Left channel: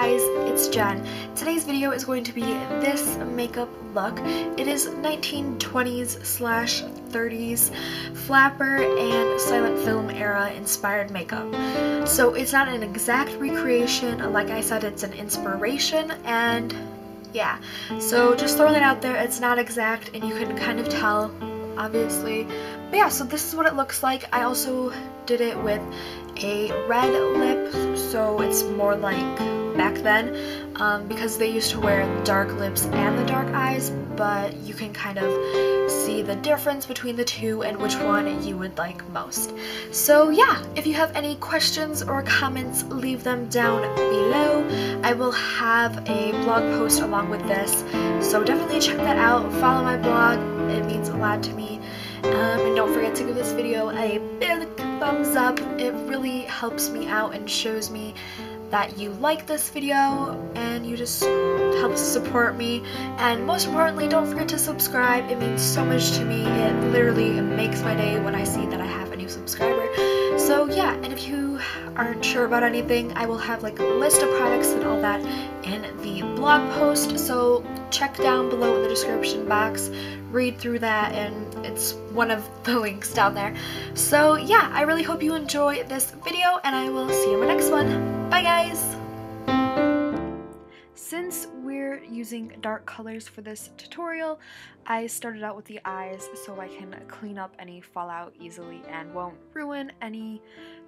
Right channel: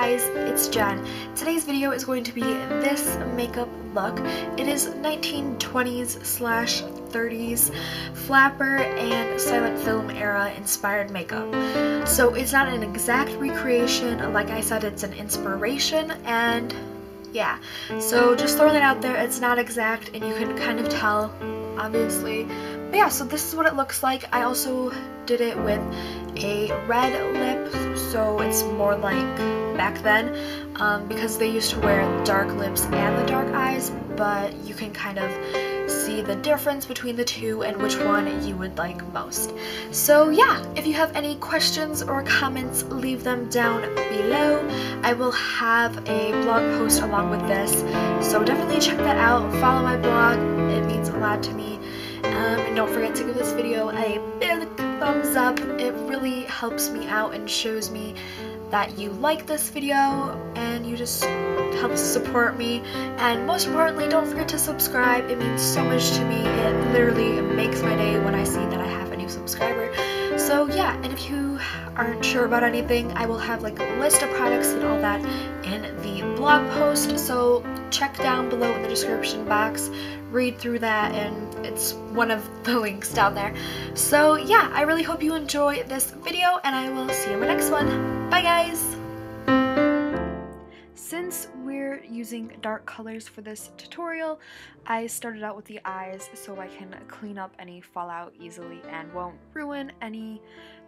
guys, it's Jen. Today's video is going to be this makeup look. It is 1920s/30s flapper and silent film era inspired makeup. So it's not an exact recreation, like I said, it's an inspiration, and yeah. So just throwing it out there, it's not exact and you can kind of tell, obviously. But yeah, so this is what it looks like. I also did it with a red lip, so it's more like back then, because they used to wear dark lips and the dark eyes, but you can kind of see the difference between the two and which one you would like most. So yeah, if you have any questions or comments, leave them down below. I will have a blog post along with this, so definitely check that out. Follow my blog, it means a lot to me. And don't forget to give this video a big thumbs up. It really helps me out and shows me that you like this video and you just help support me. And most importantly, don't forget to subscribe. It means so much to me. It literally makes my day when I see that I have a new subscriber. So yeah, and if you aren't sure about anything, I will have like a list of products and all that in the blog post, so check down below in the description box, read through that, and it's one of the links down there. So yeah, I really hope you enjoy this video, and I will see you in my next one. Bye guys! Since we're using dark colors for this tutorial, I started out with the eyes so I can clean up any fallout easily and won't ruin any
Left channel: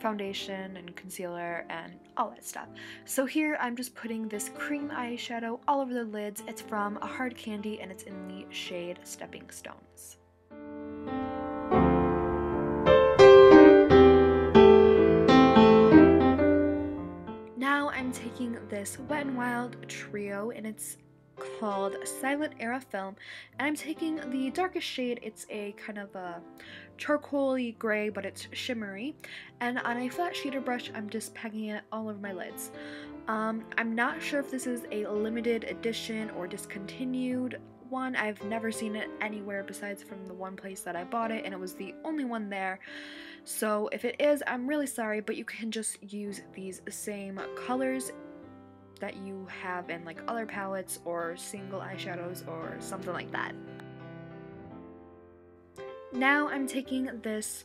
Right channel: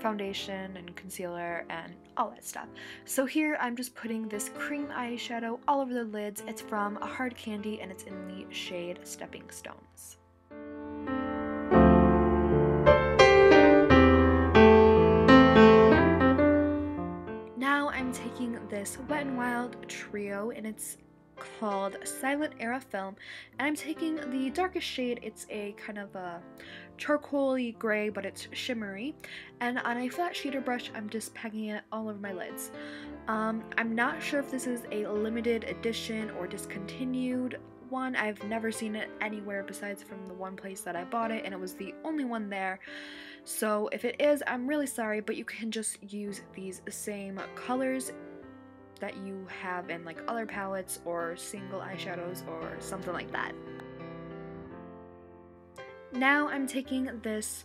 foundation and concealer and all that stuff. So here I'm just putting this cream eyeshadow all over the lids. It's from Hard Candy and it's in the shade Stepping Stones. Now I'm taking this Wet n Wild trio and it's called Silent Era Film, and I'm taking the darkest shade. It's a kind of a charcoaly gray, but it's shimmery, and on a flat shader brush I'm just packing it all over my lids. I'm not sure if this is a limited edition or discontinued one. I've never seen it anywhere besides from the one place that I bought it, and it was the only one there. So if it is, I'm really sorry, but you can just use these same colors that you have in like other palettes or single eyeshadows or something like that. Now I'm taking this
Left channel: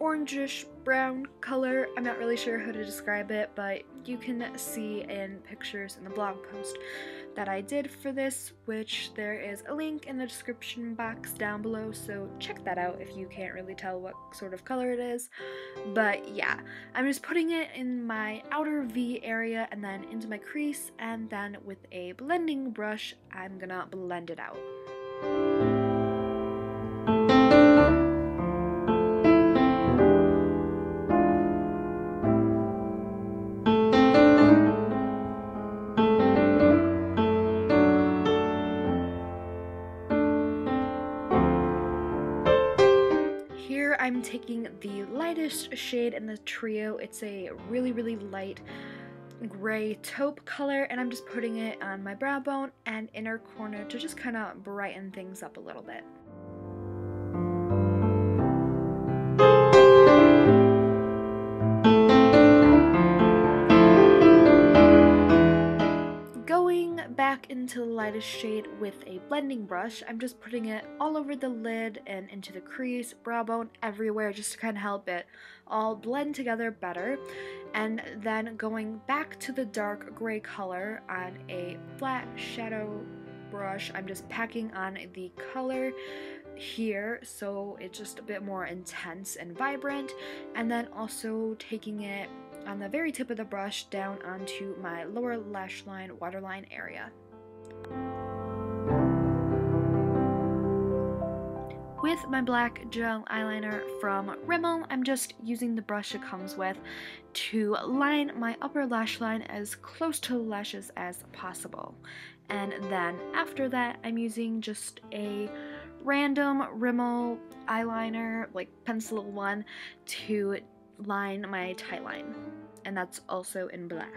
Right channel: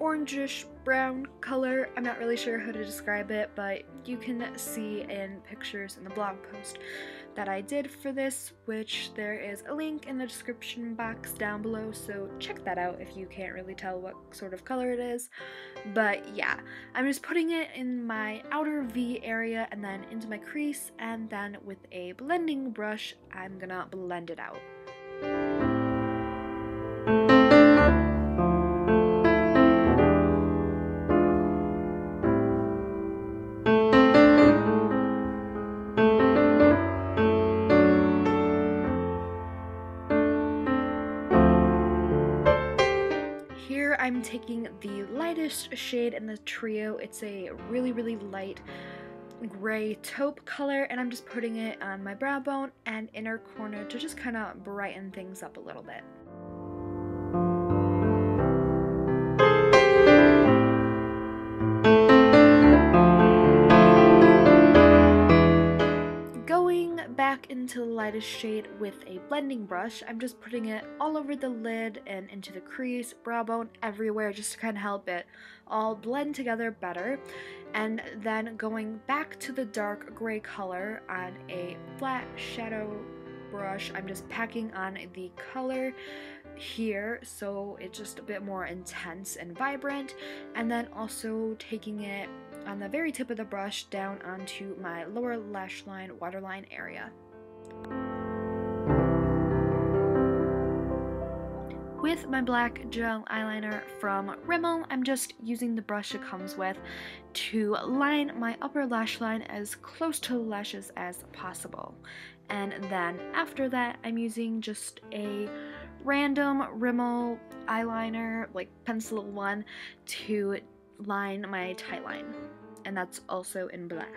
orangish brown color. I'm not really sure how to describe it, but you can see in pictures in the blog post that I did for this, which there is a link in the description box down below, so check that out if you can't really tell what sort of color it is. But yeah, I'm just putting it in my outer V area and then into my crease, and then with a blending brush I'm gonna blend it out. Here I'm taking the lightest shade in the trio. It's a really light gray taupe color, and I'm just putting it on my brow bone and inner corner to just kind of brighten things up a little bit. Going back into the lightest shade with a blending brush, I'm just putting it all over the lid and into the crease, brow bone, everywhere, just to kind of help it all blend together better. And then going back to the dark gray color on a flat shadow brush, I'm just packing on the color here so it's just a bit more intense and vibrant, and then also taking it on the very tip of the brush down onto my lower lash line, waterline area. With my black gel eyeliner from Rimmel, I'm just using the brush it comes with to line my upper lash line as close to the lashes as possible. And then after that, I'm using just a random Rimmel eyeliner, like pencil one, to line my tight line. And that's also in black.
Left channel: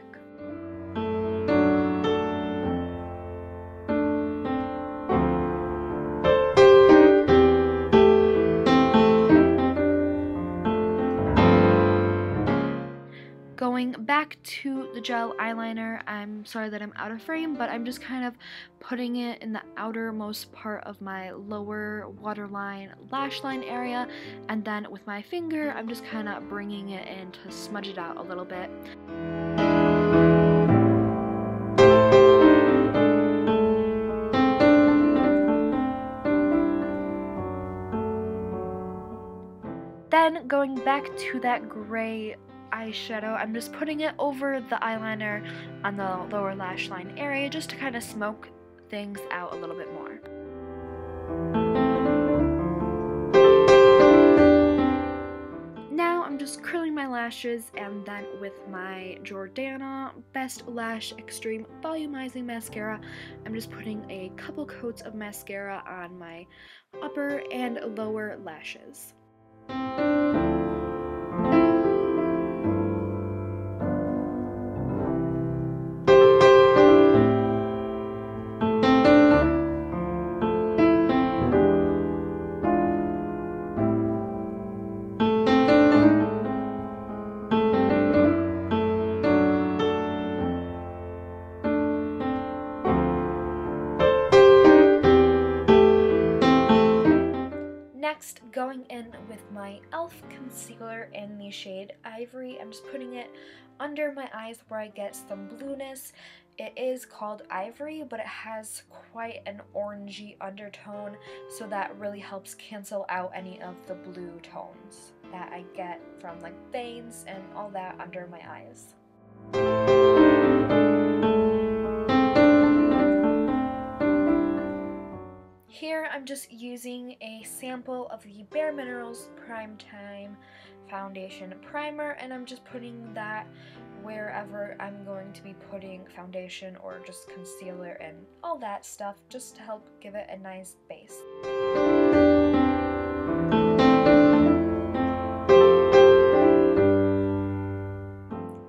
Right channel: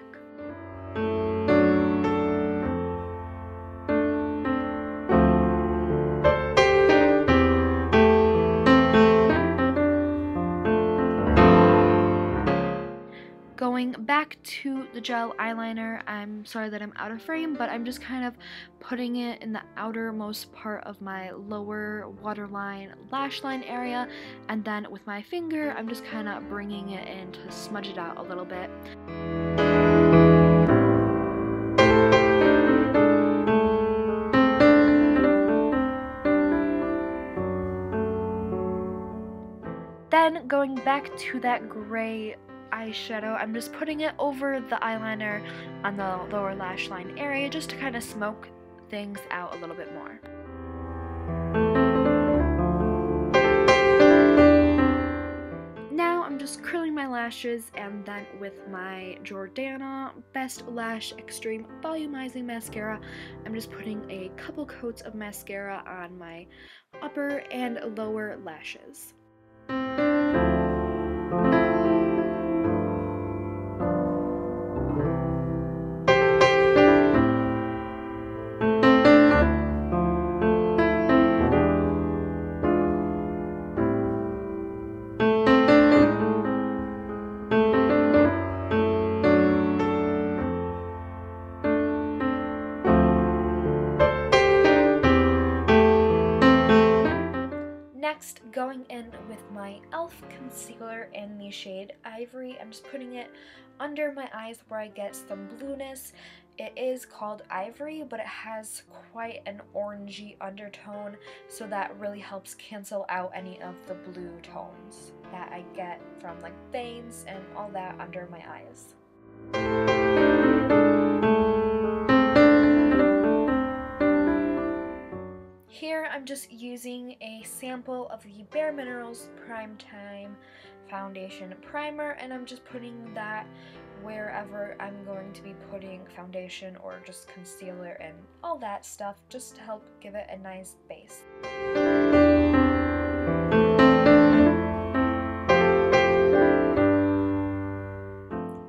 Going back to the gel eyeliner, I'm sorry that I'm out of frame, but I'm just kind of putting it in the outermost part of my lower waterline lash line area, and then with my finger I'm just kind of bringing it in to smudge it out a little bit. Then going back to that gray eyeshadow, I'm just putting it over the eyeliner on the lower lash line area just to kind of smoke things out a little bit more. Now I'm just curling my lashes, and then with my Jordana Best Lash Extreme Volumizing Mascara, I'm just putting a couple coats of mascara on my upper and lower lashes. Next, going in with my e.l.f. concealer in the shade Ivory, I'm just putting it under my eyes where I get some blueness. It is called Ivory, but it has quite an orangey undertone, so that really helps cancel out any of the blue tones that I get from like veins and all that under my eyes. Here I'm just using a sample of the Bare Minerals Prime Time Foundation Primer, and I'm just putting that wherever I'm going to be putting foundation or just concealer and all that stuff, just to help give it a nice base.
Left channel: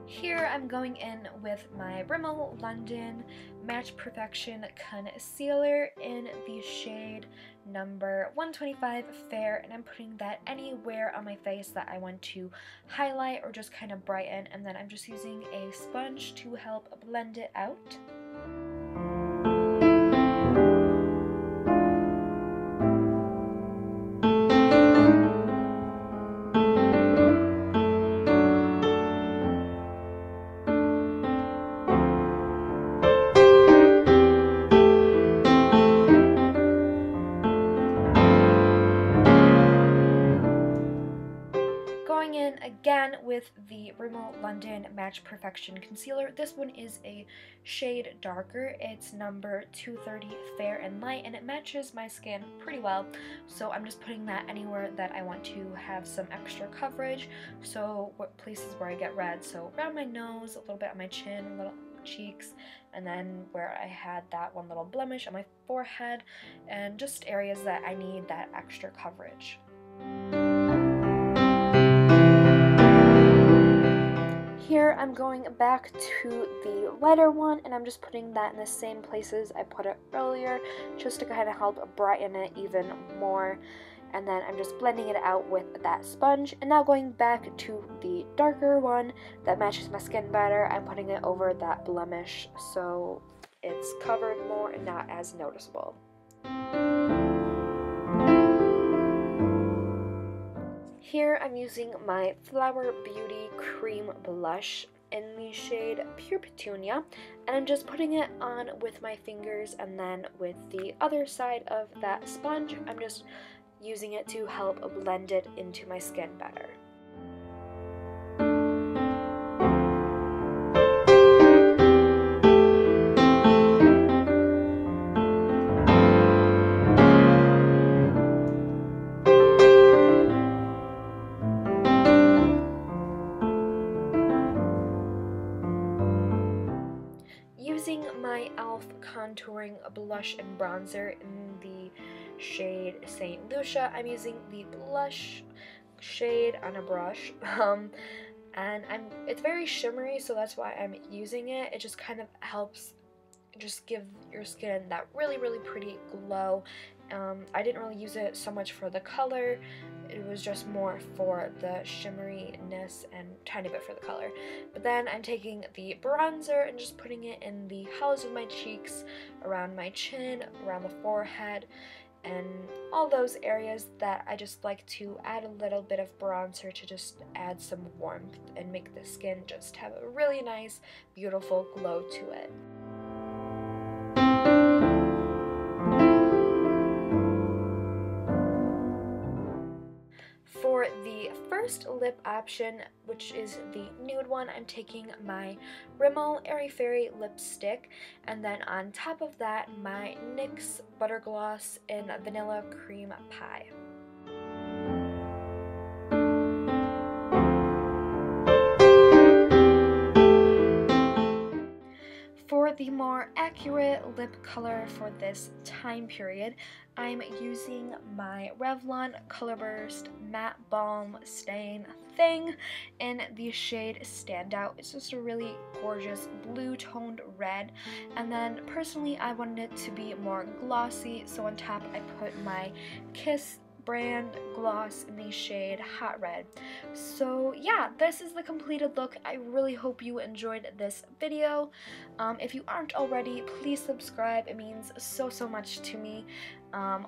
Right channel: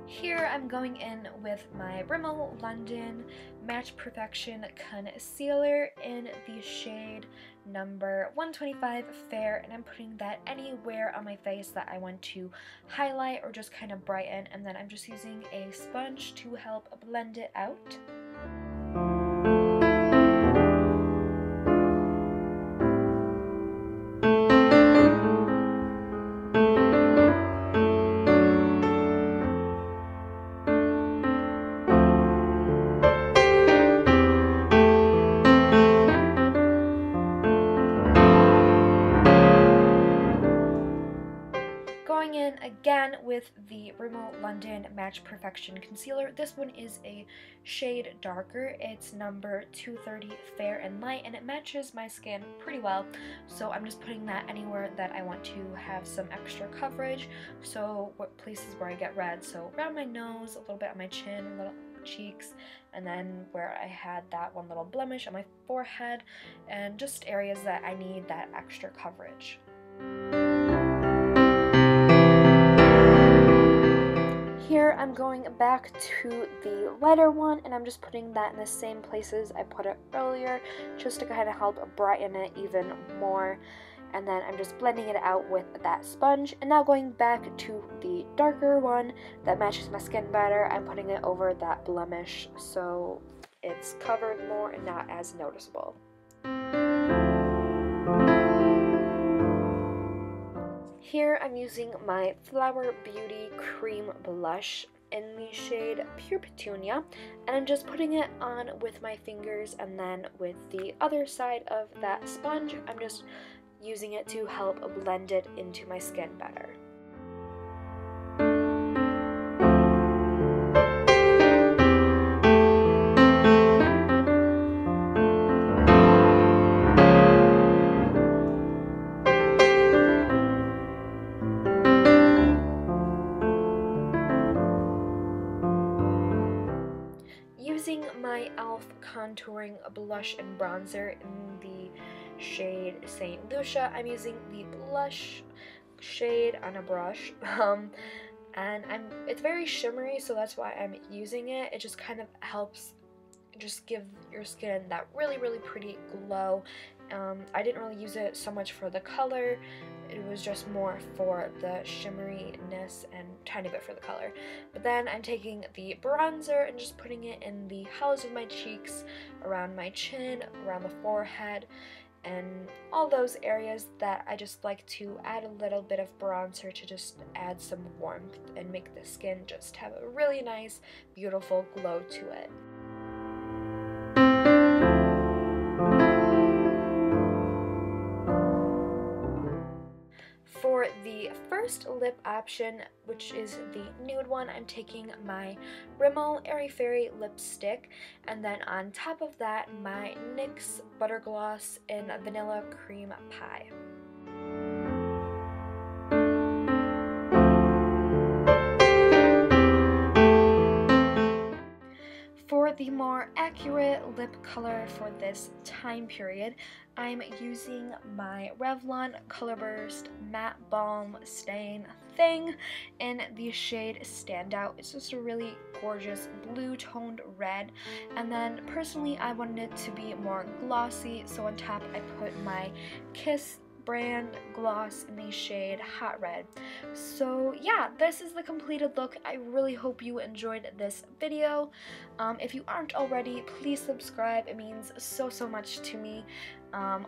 Here I'm going in with my Rimmel London Match Perfection Concealer in the shade number 125 Fair, and I'm putting that anywhere on my face that I want to highlight or just kind of brighten, and then I'm just using a sponge to help blend it out. Going in again with the Rimmel London Match Perfection Concealer. This one is a shade darker. It's number 230 Fair and Light, and it matches my skin pretty well. So I'm just putting that anywhere that I want to have some extra coverage. So what places where I get red. So around my nose, a little bit on my chin, a little cheeks, and then where I had that one little blemish on my forehead, and just areas that I need that extra coverage. Here I'm going back to the lighter one, and I'm just putting that in the same places I put it earlier, just to kind of help brighten it even more. And then I'm just blending it out with that sponge. And now going back to the darker one that matches my skin better, I'm putting it over that blemish so it's covered more and not as noticeable. Here I'm using my Flower Beauty Cream Blush in the shade Pure Petunia, and I'm just putting it on with my fingers, and then with the other side of that sponge, I'm just using it to help blend it into my skin better. Using my e.l.f. contouring blush and bronzer in the shade St. Lucia, I'm using the blush shade on a brush, and it's very shimmery, so that's why I'm using it. It just kind of helps just give your skin that really pretty glow. I didn't really use it so much for the color it was just more for the shimmeriness and tiny bit for the color. But then I'm taking the bronzer and just putting it in the hollows of my cheeks, around my chin, around the forehead, and all those areas that I just like to add a little bit of bronzer to just add some warmth and make the skin just have a really nice, beautiful glow to it. For the first lip option, which is the nude one, I'm taking my Rimmel Airy Fairy lipstick, and then on top of that, my NYX Butter Gloss in Vanilla Cream Pie. For the more accurate lip color for this time period, I'm using my Revlon Colorburst Matte Balm Stain Thing in the shade Standout. It's just a really gorgeous blue toned red, and then personally I wanted it to be more glossy, so on top I put my Kiss brand gloss in the shade Hot Red. So yeah, this is the completed look. I really hope you enjoyed this video. If you aren't already, please subscribe. It means so much to me.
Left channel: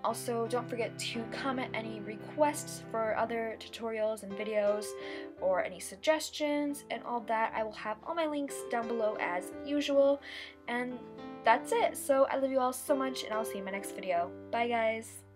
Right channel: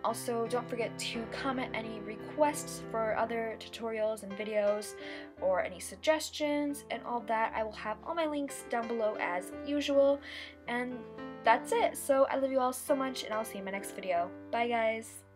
Also, don't forget to comment any requests for other tutorials and videos, or any suggestions and all that. I will have all my links down below as usual. And that's it. So I love you all so much, and I'll see you in my next video. Bye guys!